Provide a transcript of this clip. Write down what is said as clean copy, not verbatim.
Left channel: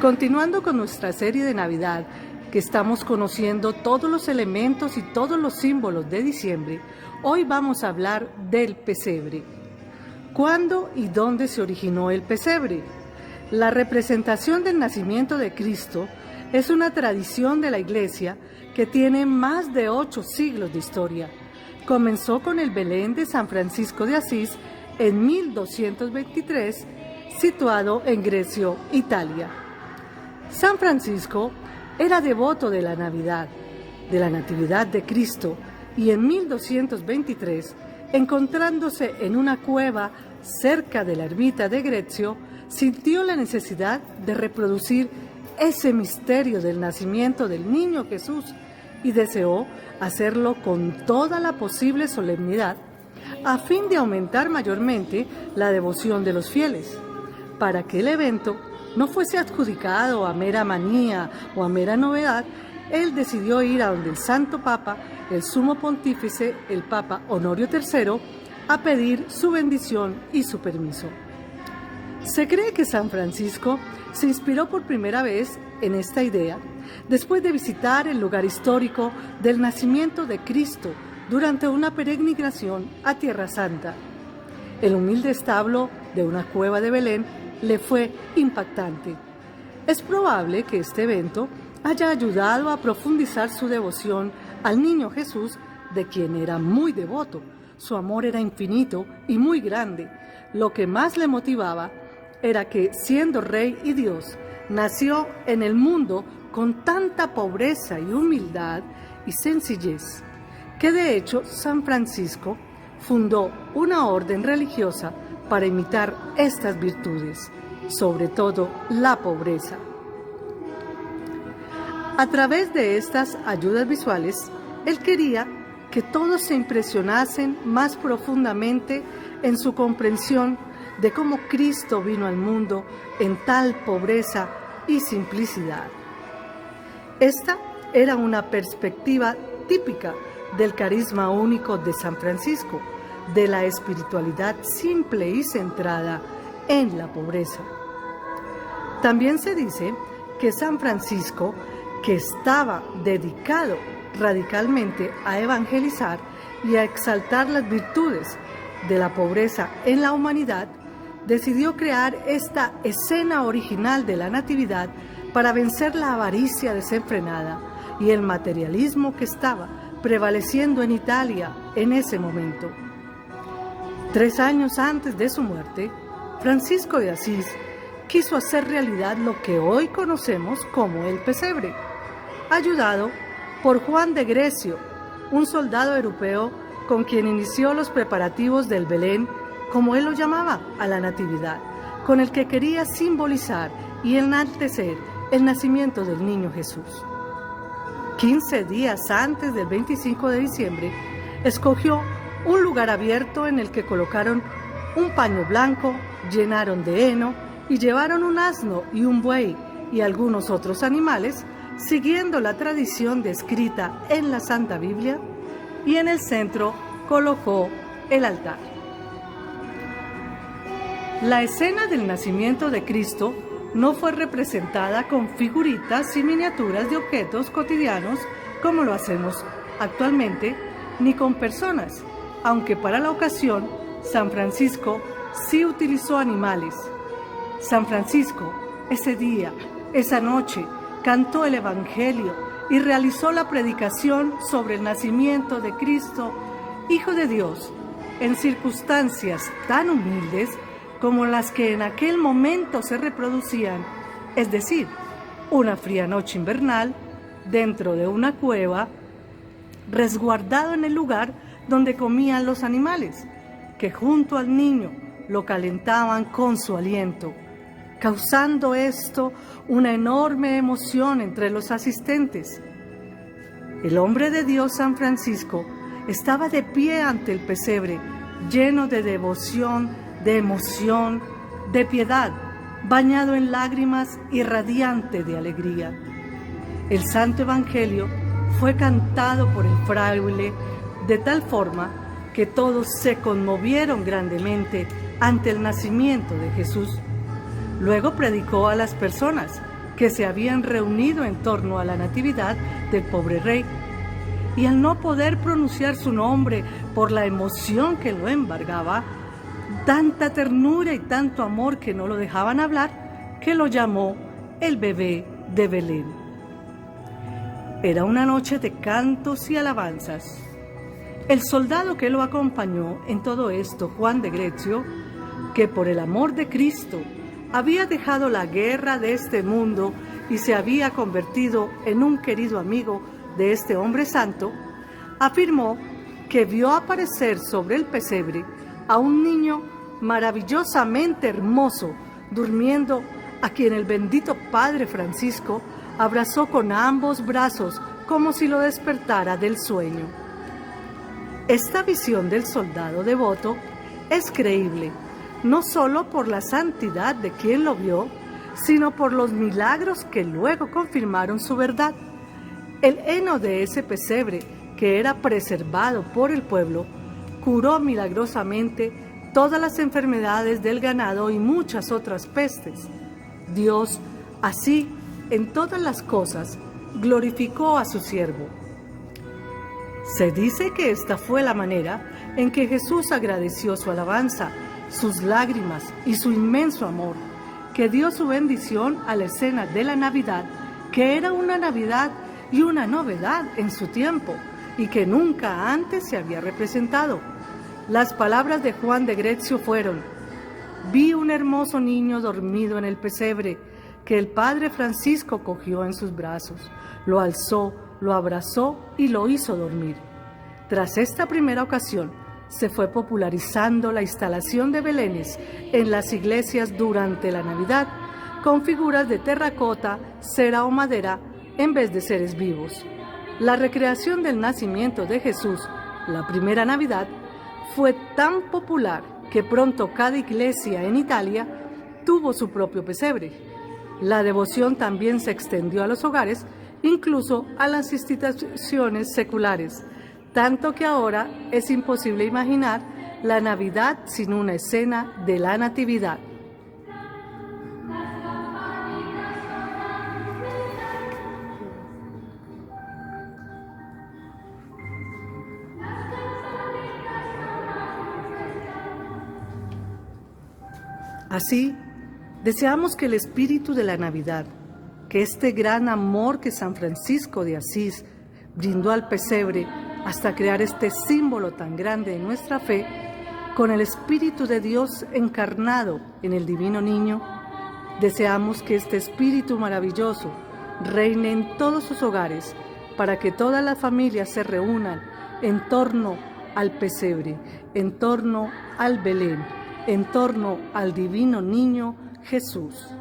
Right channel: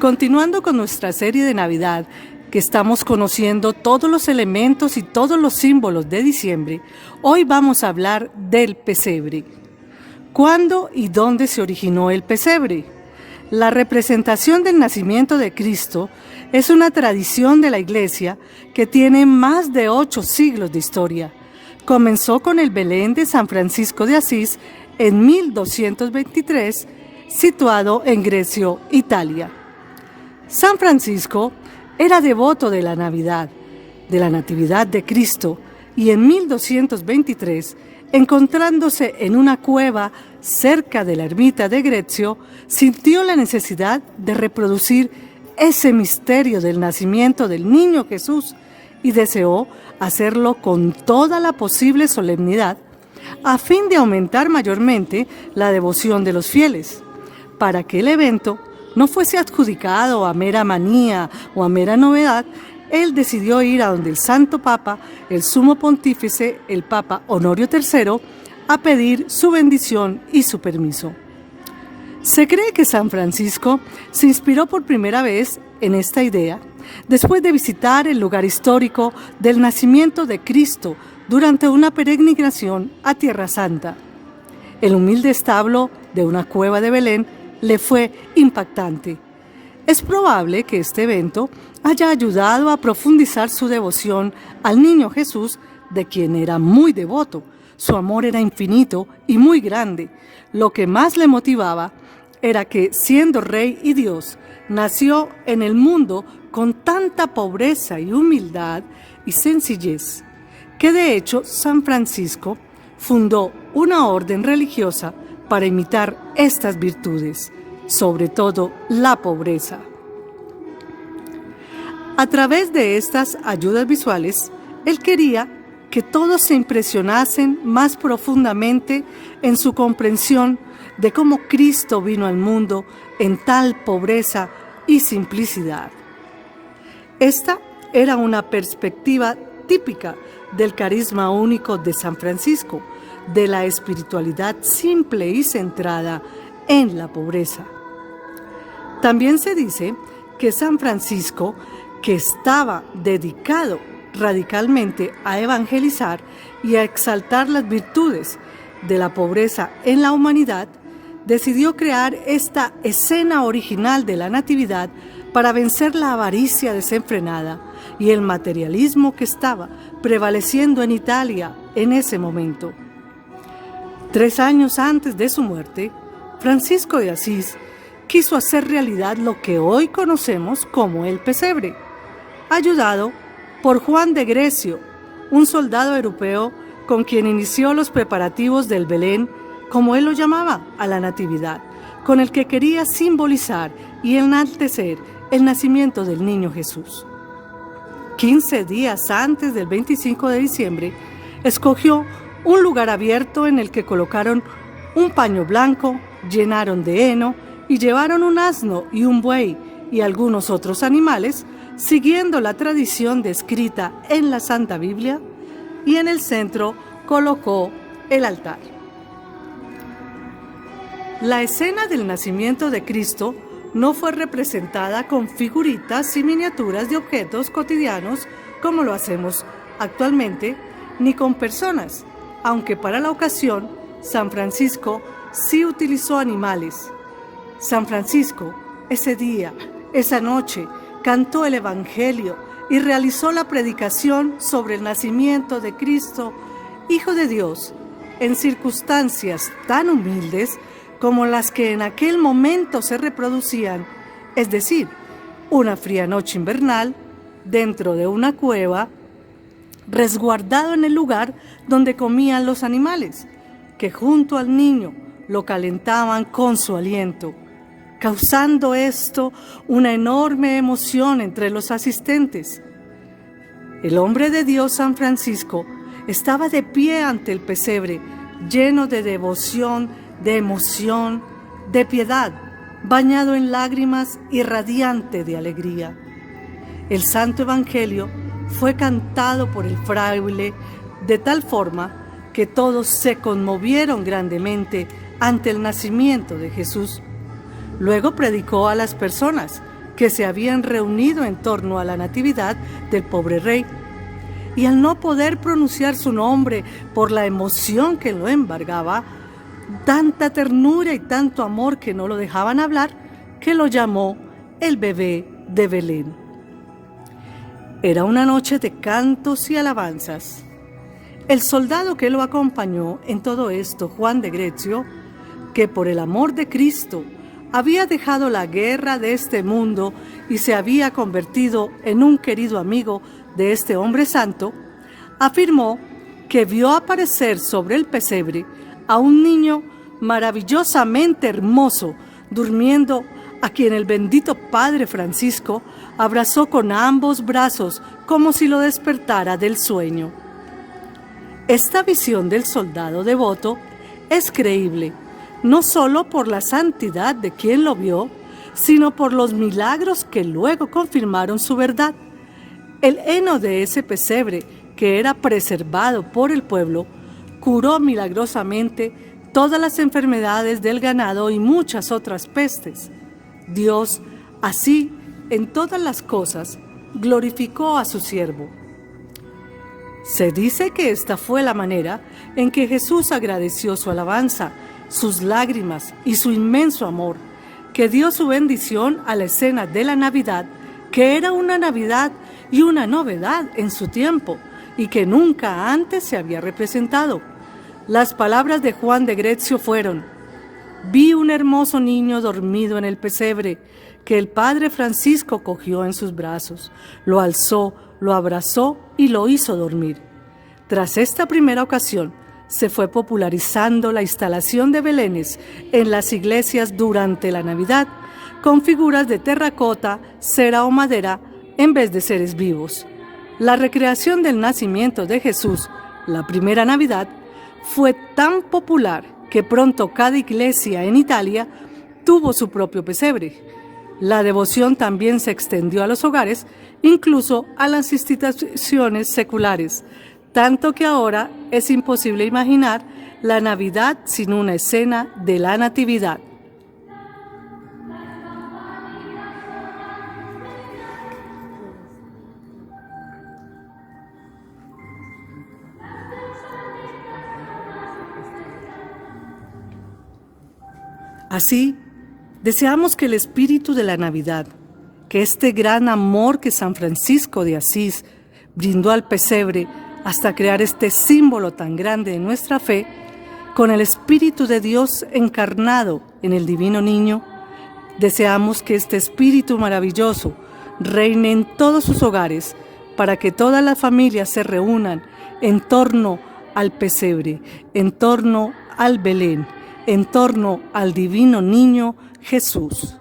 Continuando con nuestra serie de Navidad, que estamos conociendo todos los elementos y todos los símbolos de diciembre, hoy vamos a hablar del pesebre. ¿Cuándo y dónde se originó el pesebre? La representación del nacimiento de Cristo es una tradición de la Iglesia que tiene más de 8 siglos de historia. Comenzó con el Belén de San Francisco de Asís en 1223, situado en Grecia, Italia. San Francisco era devoto de la Navidad, de la Natividad de Cristo, y en 1223, encontrándose en una cueva cerca de la ermita de Grecio, sintió la necesidad de reproducir ese misterio del nacimiento del niño Jesús y deseó hacerlo con toda la posible solemnidad a fin de aumentar mayormente la devoción de los fieles. Para que el evento no fuese adjudicado a mera manía o a mera novedad, él decidió ir a donde el Santo Papa, el Sumo Pontífice, el Papa Honorio III, a pedir su bendición y su permiso. Se cree que San Francisco se inspiró por primera vez en esta idea después de visitar el lugar histórico del nacimiento de Cristo durante una peregrinación a Tierra Santa. El humilde establo de una cueva de Belén le fue impactante. Es probable que este evento haya ayudado a profundizar su devoción al niño Jesús, de quien era muy devoto. Su amor era infinito y muy grande. Lo que más le motivaba era que, siendo rey y Dios, nació en el mundo con tanta pobreza y humildad y sencillez, que de hecho San Francisco fundó una orden religiosa para imitar estas virtudes, sobre todo la pobreza. A través de estas ayudas visuales, él quería que todos se impresionasen más profundamente en su comprensión de cómo Cristo vino al mundo en tal pobreza y simplicidad. Esta era una perspectiva típica del carisma único de San Francisco, de la espiritualidad simple y centrada en la pobreza. También se dice que San Francisco, que estaba dedicado radicalmente a evangelizar y a exaltar las virtudes de la pobreza en la humanidad, decidió crear esta escena original de la Natividad para vencer la avaricia desenfrenada y el materialismo que estaba prevaleciendo en Italia en ese momento. 3 años antes de su muerte, Francisco de Asís quiso hacer realidad lo que hoy conocemos como el pesebre, ayudado por Juan de Grecio, un soldado europeo con quien inició los preparativos del Belén, como él lo llamaba, a la Natividad, con el que quería simbolizar y enaltecer el nacimiento del niño Jesús. 15 días antes del 25 de diciembre, escogió un lugar abierto en el que colocaron un paño blanco, llenaron de heno y llevaron un asno y un buey y algunos otros animales, siguiendo la tradición descrita en la Santa Biblia, y en el centro colocó el altar. La escena del nacimiento de Cristo no fue representada con figuritas y miniaturas de objetos cotidianos como lo hacemos actualmente, ni con personas, aunque para la ocasión San Francisco sí utilizó animales. San Francisco, ese día, esa noche, cantó el Evangelio y realizó la predicación sobre el nacimiento de Cristo, Hijo de Dios, en circunstancias tan humildes como las que en aquel momento se reproducían, es decir, una fría noche invernal, dentro de una cueva, resguardado en el lugar donde comían los animales, que junto al niño lo calentaban con su aliento, causando esto una enorme emoción entre los asistentes. El hombre de Dios San Francisco estaba de pie ante el pesebre, lleno de devoción, de emoción, de piedad, bañado en lágrimas y radiante de alegría. El Santo Evangelio fue cantado por el fraile de tal forma que todos se conmovieron grandemente ante el nacimiento de Jesús. Luego predicó a las personas que se habían reunido en torno a la natividad del pobre rey. Y al no poder pronunciar su nombre por la emoción que lo embargaba, tanta ternura y tanto amor que no lo dejaban hablar, que lo llamó el bebé de Belén. Era una noche de cantos y alabanzas. El soldado que lo acompañó en todo esto, Juan de Grecio, que por el amor de Cristo había dejado la guerra de este mundo y se había convertido en un querido amigo de este hombre santo, afirmó que vio aparecer sobre el pesebre a un niño maravillosamente hermoso, durmiendo, a quien el bendito Padre Francisco abrazó con ambos brazos como si lo despertara del sueño. Esta visión del soldado devoto es creíble, no solo por la santidad de quien lo vio, sino por los milagros que luego confirmaron su verdad. El heno de ese pesebre, que era preservado por el pueblo, curó milagrosamente todas las enfermedades del ganado y muchas otras pestes. Dios, así, en todas las cosas, glorificó a su siervo. Se dice que esta fue la manera en que Jesús agradeció su alabanza, sus lágrimas y su inmenso amor, que dio su bendición a la escena de la Navidad, que era una Navidad y una novedad en su tiempo, y que nunca antes se había representado. Las palabras de Juan de Grecio fueron: vi un hermoso niño dormido en el pesebre, que el Padre Francisco cogió en sus brazos, lo alzó, lo abrazó y lo hizo dormir. Tras esta primera ocasión, se fue popularizando la instalación de belenes en las iglesias durante la Navidad, con figuras de terracota, cera o madera, en vez de seres vivos. La recreación del nacimiento de Jesús, la primera Navidad, fue tan popular que pronto cada iglesia en Italia tuvo su propio pesebre. La devoción también se extendió a los hogares, incluso a las instituciones seculares, tanto que ahora es imposible imaginar la Navidad sin una escena de la Natividad. Así, deseamos que el espíritu de la Navidad, que este gran amor que San Francisco de Asís brindó al pesebre hasta crear este símbolo tan grande de nuestra fe, con el Espíritu de Dios encarnado en el divino niño, deseamos que este espíritu maravilloso reine en todos sus hogares para que todas las familias se reúnan en torno al pesebre, en torno al Belén, en torno al divino niño Jesús.